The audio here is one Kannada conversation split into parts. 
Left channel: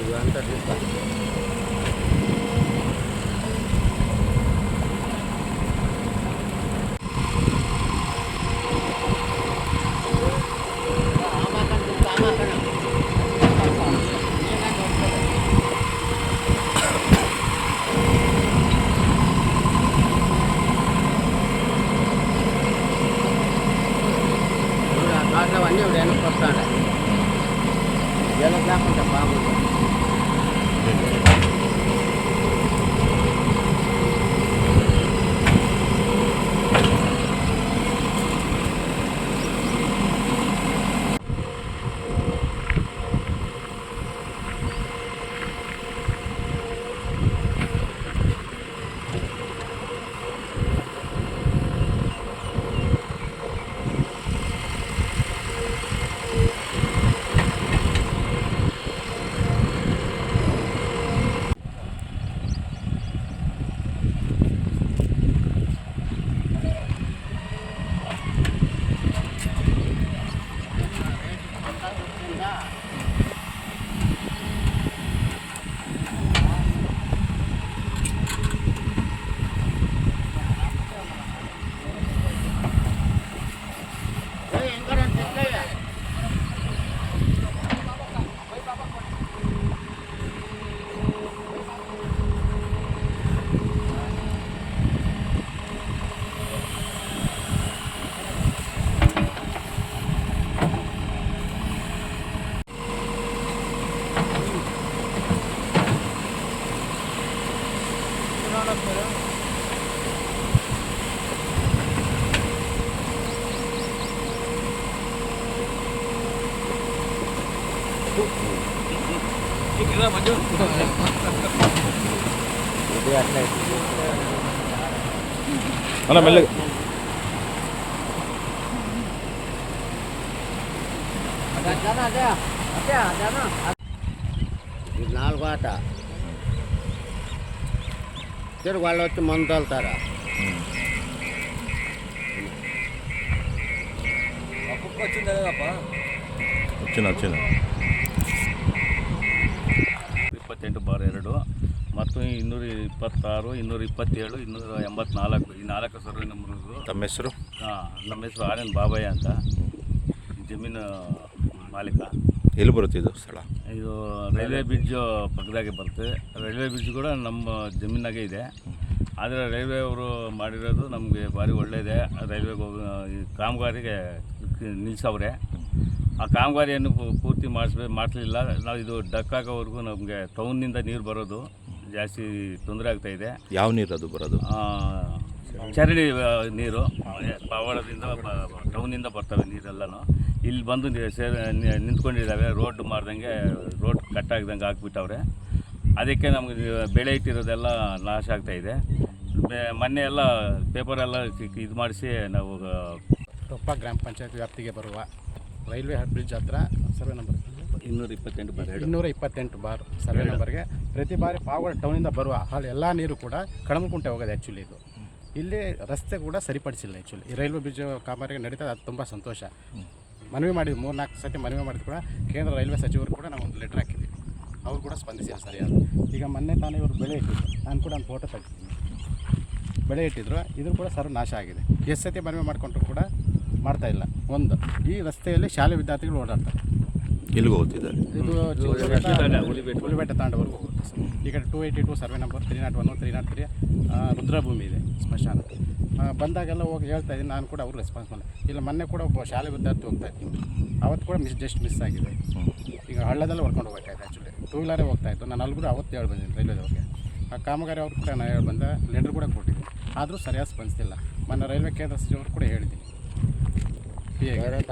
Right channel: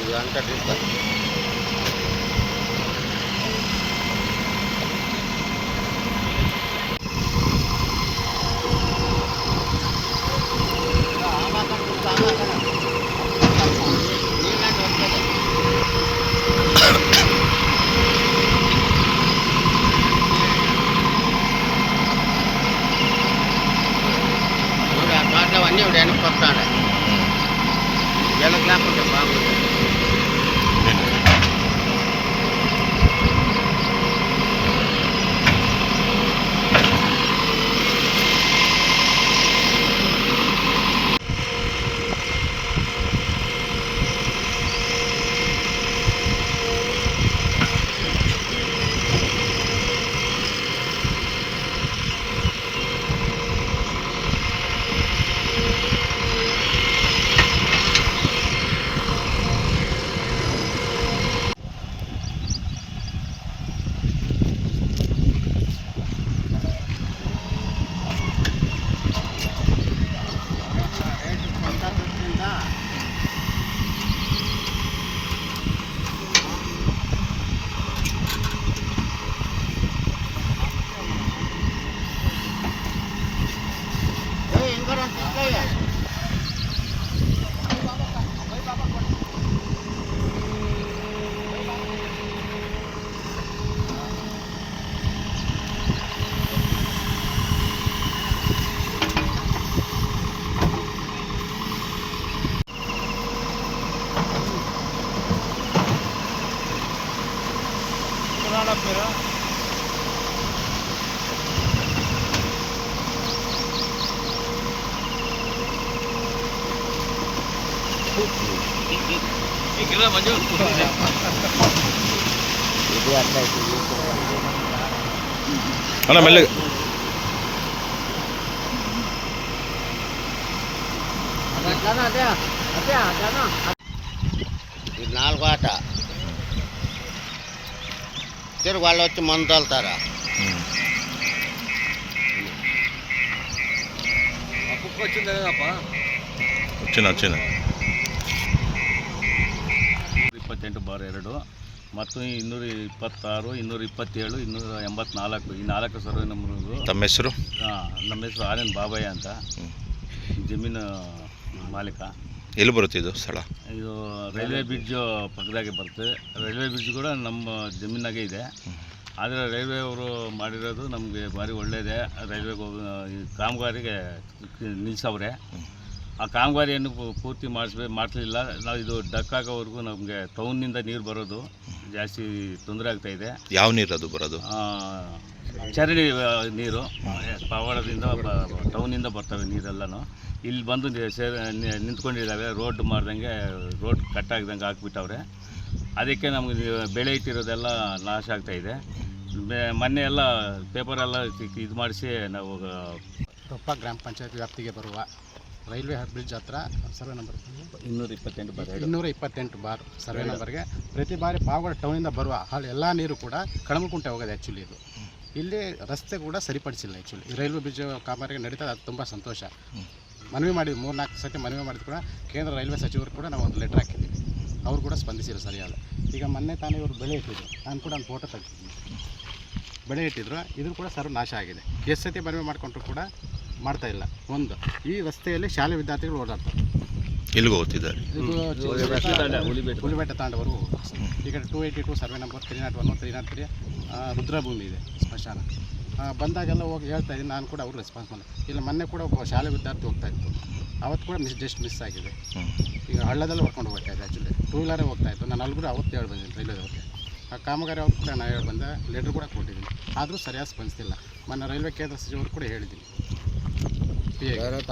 ఇది అంతా తీస్తారు. అన్నీ వెనక్కి పడతాడు. వీళ్ళకి లేకుంటే బాగుంటుంది. అలా మెల్లగా ఇది 4వ ఆట. తిరుగు వాళ్ళు వచ్చి మందు తోలుతారా? వచ్చింది 28/2 ಮತ್ತು 226, 227, 284 ಈ 4 ಸರ್ವೆ ನಂಬರ್ಗಳು. ತಮ್ಮ ಹೆಸರು? ನಮ್ಮ ಹೆಸರು ಆರ್ ಎನ್ ಬಾಬಯ್ಯ ಅಂತ, ಜಮೀನು ಮಾಲೀಕ. ಎಲ್ಲಿ ಬರುತ್ತೆ ಇದು ಸ್ಥಳ? ಇದು ರೈಲ್ವೆ ಬ್ರಿಡ್ಜ್ ಪಕ್ಕದಾಗೆ ಬರುತ್ತೆ. ರೈಲ್ವೆ ಬ್ರಿಡ್ಜ್ ಕೂಡ ನಮ್ಮ ಜಮೀನಾಗೆ ಇದೆ. ಆದರೆ ರೈಲ್ವೆ ಅವರು ಮಾಡಿರೋದು ನಮಗೆ ಭಾರಿ ಒಳ್ಳೆಯದೇ. ರೈಲ್ವೆಗೆ ಹೋಗಿ ಕಾಮಗಾರಿಗೆ ನಿಲ್ಲಿಸವ್ರೆ. ಆ ಕಾಮಗಾರಿಯನ್ನು ಪೂರ್ತಿ ಮಾಡಿಸಲಿಲ್ಲ. ನಾವು ಇದು ಡಕ್ ಆಗೋವರೆಗೂ ನಮಗೆ ಟೌನ್ನಿಂದ ನೀರು ಬರೋದು ಜಾಸ್ತಿ ತೊಂದರೆ ಆಗ್ತಾಯಿದೆ. ಯಾವ ನೀರು ಅದು ಬರೋದು? ಚರಂಡಿ ನೀರು ಪವಾಡದಿಂದ ಟೌನಿಂದ ಬರ್ತವೆ ನೀರೆಲ್ಲನೂ. ಇಲ್ಲಿ ಬಂದು ನಿಂತ್ಕೊಂಡಿದ್ದಾವೆ. ರೋಡ್ ಮಾಡ್ದಂಗೆ ರೋಡ್ ಕಟ್ಟಾಗ್ದಂಗೆ ಹಾಕ್ಬಿಟ್ಟವ್ರೆ. ಅದಕ್ಕೆ ನಮಗೆ ಬೆಳೆ ಇಟ್ಟಿರೋದೆಲ್ಲ ನಾಶ ಆಗ್ತಾಯಿದೆ. ಮೊನ್ನೆ ಎಲ್ಲ ಪೇಪರೆಲ್ಲ ಇದು ಮಾಡಿಸಿ ನಾವು ಕೊಪ್ಪ ಗ್ರಾಮ ಪಂಚಾಯತ್ ವ್ಯಾಪ್ತಿಗೆ ಬರುವ ರೈಲ್ವೆ ಬ್ರಿಡ್ಜ್ ಹತ್ರ ಸರ್ವೆ ನಂಬರ್ 228 ಸರ್ವೆ ನಂಬರ್ಗೆ ಪ್ರತಿ ಬಾರಿ ಪಾವಗಡ ಟೌನಿಂದ ಬರುವ ಎಲ್ಲ ನೀರು ಕೂಡ ಕಳಮಕುಂಟೆ ಹೋಗೋದು. ಆ್ಯಕ್ಚುಲಿ ಇದು ಇಲ್ಲಿ ರಸ್ತೆ ಕೂಡ ಸರಿಪಡಿಸಿಲ್ಲ. ಆ್ಯಕ್ಚುಲಿ ಈ ರೈಲ್ವೆ ಬ್ರಿಡ್ಜ್ ಕಾಮಗಾರಿ ನಡೀತದೆ, ಅದು ತುಂಬ ಸಂತೋಷ. ಮನವಿ ಮಾಡಿದ್ವಿ, 3-4 ಸತಿ ಮನವಿ ಮಾಡಿದ್ರು ಕೂಡ ಕೇಂದ್ರ ರೈಲ್ವೆ ಸಚಿವರು ಕೂಡ ನಾವು ಒಂದು ಲೆಟ್ರ್ ಹಾಕಿದ್ವಿ. ಅವರು ಕೂಡ ಸ್ಪಂದಿಸಿಲ್ಲ ಸರಿಯಾದ. ಈಗ ಮೊನ್ನೆ ತಾನೇ ಇವರು ಬೆಳೆ ಇಟ್ಟಿದ್ರು, ನಾನು ಕೂಡ ಒಂದು ಫೋಟೋ ತೆಗ್ದಿದ್ದೀನಿ. ಬೆಳೆ ಇಟ್ಟಿದ್ರು, ಇದು ಕೂಡ ಸರ್ವ ನಾಶ ಆಗಿದೆ. ಎಷ್ಟು ಸತಿ ಮನವಿ ಮಾಡಿಕೊಂಡ್ರು ಕೂಡ ಮಾಡ್ತಾಯಿಲ್ಲ. ಒಂದು ಈ ರಸ್ತೆಯಲ್ಲಿ ಶಾಲೆ ವಿದ್ಯಾರ್ಥಿಗಳು ಓಡಾಡ್ತಾರೆ. ಎಲ್ಲಿಗೆ ಹೋಗ್ತಿದ್ದಾರೆ? ಇದು ಹುಲಿಬೆಟ್ಟ ತಾಂಡವರೆಗೂ ಹೋಗುತ್ತೆ ಸರ್. ಈಗ 282 ಸರ್ವೆ ನಂಬರ್ 301, 303 ರುದ್ರಭೂಮಿ ಇದೆ ಸ್ಮಶಾನ. ಬಂದಾಗೆಲ್ಲ ಹೋಗಿ ಹೇಳ್ತಾ ಇದ್ದೀನಿ, ನಾನು ಕೂಡ ಅವ್ರು ರೆಸ್ಪಾನ್ಸ್ ಮಾಡಿಲ್ಲ. ಇಲ್ಲ ಮೊನ್ನೆ ಕೂಡ ಒಬ್ಬ ಶಾಲೆ ವಿದ್ಯಾರ್ಥಿ ಹೋಗ್ತಾ ಇದ್ದೀನಿ, ಅವತ್ತು ಕೂಡ ಜಸ್ಟ್ ಮಿಸ್ ಆಗಿದೆ. ಈಗ ಹಳ್ಳದಲ್ಲೇ ಹೊಡ್ಕೊಂಡು ಹೋಗ್ತಾಯಿದ್ದೆ. ಆ್ಯಕ್ಚುಲಿ 2 ವೀಲರೇ ಹೋಗ್ತಾಯಿತ್ತು. ನಾನು ಅಲ್ಲಿ ಕೂಡ ಅವತ್ತು ಹೇಳಿ ಬಂದಿದ್ದೀನಿ ರೈಲ್ವೆದವ್ರಿಗೆ. ಆ ಕಾಮಗಾರಿ ಅವ್ರು ಕೂಡ ನಾನು ಹೇಳಿ ಬಂದೆ, ಲೆಟ್ರ್ ಕೂಡ ಕೊಟ್ಟಿದ್ದೀನಿ. ಆದರೂ ಸರಿಯಾಗಿ ಸ್ಪಂದಿಸ್ತಿಲ್ಲ. ಮೊನ್ನೆ ರೈಲ್ವೆ ಕೇಂದ್ರ ಸಚಿವರು ಕೂಡ ಹೇಳಿದ್ದೀನಿ.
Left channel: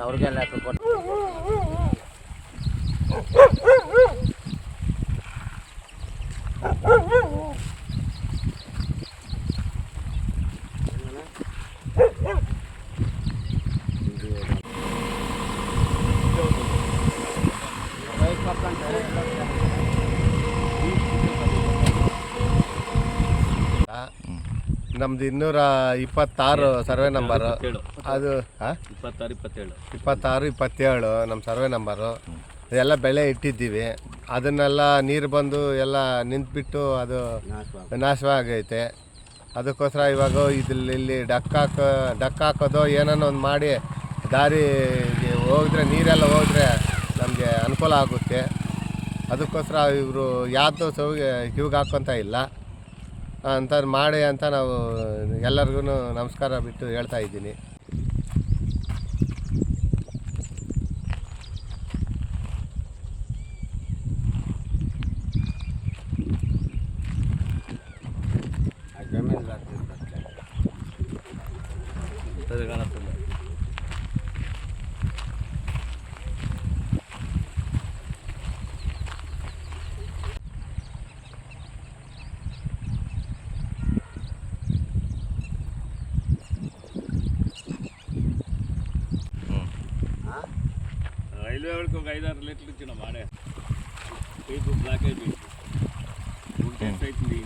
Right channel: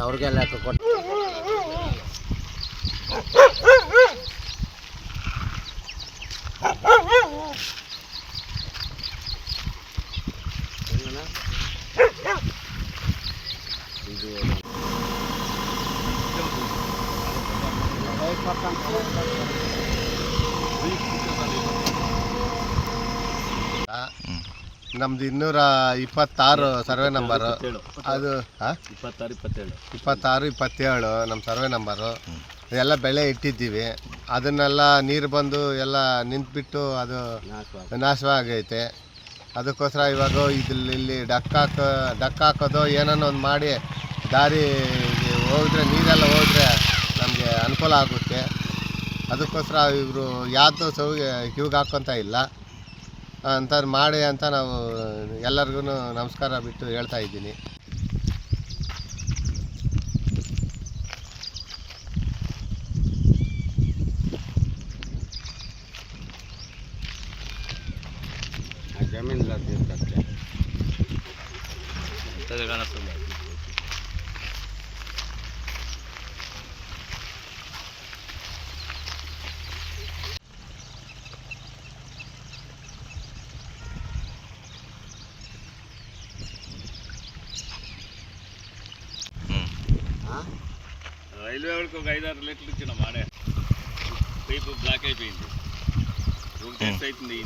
ಅವ್ರಿಗೆಲ್ಲ ಕೊಟ್ಟು ನಮ್ದು 226 ಸರ್ವೆ ನಂಬರು. ಅದು 26 27 ನಮ್ಮ ಸರ್ವೆ ನಂಬರು. ಇದೆಲ್ಲ ಬೆಳೆ ಇಟ್ಟಿದ್ದೀವಿ. ಅದನ್ನೆಲ್ಲ ನೀರು ಬಂದು ಎಲ್ಲ ನಿಂತುಬಿಟ್ಟು ಅದು ನಾಶವಾಗೈತೆ. ಅದಕ್ಕೋಸ್ಕರ ಇವಾಗ ಇಲ್ಲಿ ಡಕ್ ಹಾಕೋದು ಏನೋ ಒಂದು ಮಾಡಿ ದಾರಿ ಹೋಗಿದ್ರೆ ನೀರೆಲ್ಲ ಹೋದರೆ ನಮಗೆ ಅನುಕೂಲ ಆಗುತ್ತೆ. ಅದಕ್ಕೋಸ್ಕರ ಇವರು ಯಾವುದು ಇವಾಗ ಹಾಕ್ಕೊತ ಇಲ್ಲ ಅಂತ ಮಾಡಿ ಅಂತ ನಾವು ಎಲ್ಲರಿಗೂ ನಮಸ್ಕಾರ ಬಿಟ್ಟು ಹೇಳ್ತಾ ಇದ್ದೀನಿ. ಜಮೀನು ಕಾಣಿಸ್ತದೆ. ರೈಲ್ವೆ ಒಳಗೆ ఒక 5-6 లీటర్లు ఇచ్చిన మాడే పైపు బ్లాక్ అయిపోయింది. అవుతుంది